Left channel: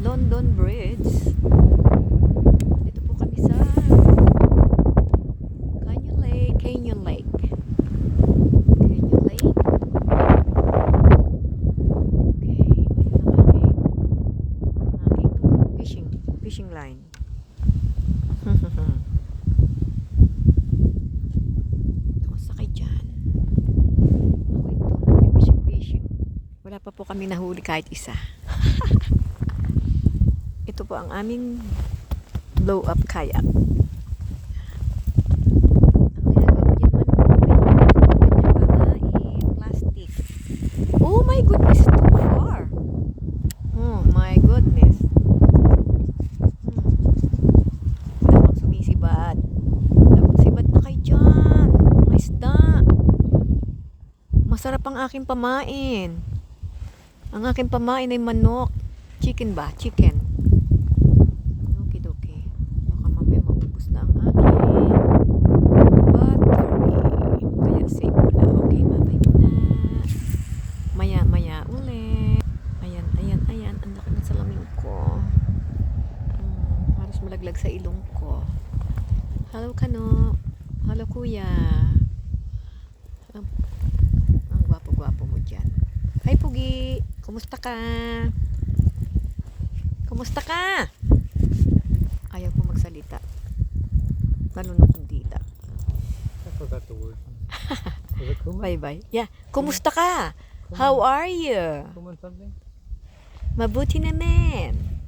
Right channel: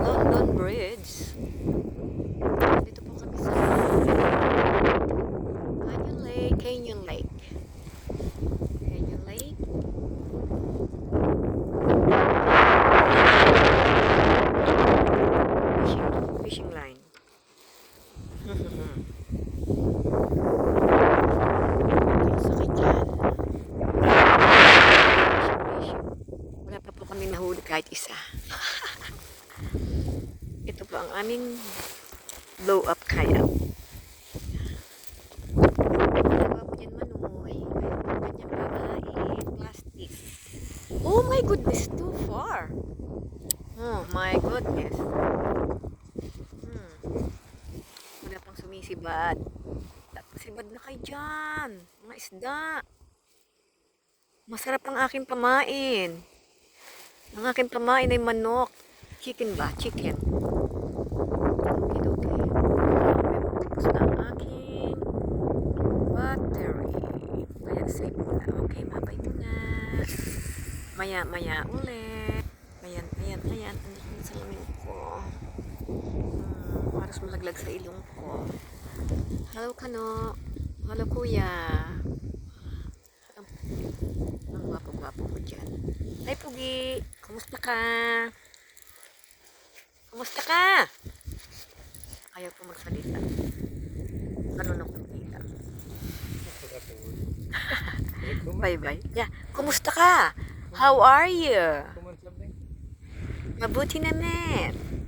London Bridge. Dito po kami sa Canyon Lake. Canyon Lake. Canyon Lake. Fishing line. Sakit dyan. Fishing. Wala pa po kami nahuli kahit isa. Ito po ang aming blow up kayak. Plastic. Oh my goodness, too far. Oh my goodness. Wala pang sumisibat. Sibat na kayo dyan. Mga isda. Masarap ang aking pamain. Ang aking pamain ay manok. Chicken ba? Chicken. Okay. Tapos na ang aking battery. Kaya save muna. Okay, mabay muna. Maya ulit. Ayan. Ang laki ng salamin ko. Halos malaglag sa ilong ko. Hello, Kano. Hello, Kuya. Ang gwapo-gwapo mo dyan. Hi, Pugi. Kumusta ka? Kumusta ka? Ayaw po magsalita. Marunong kundita. I forgot the word. Is it kuman? Bye-bye. Yeah. Kumusta ka? How are you? Kuman something? Mabuti naman.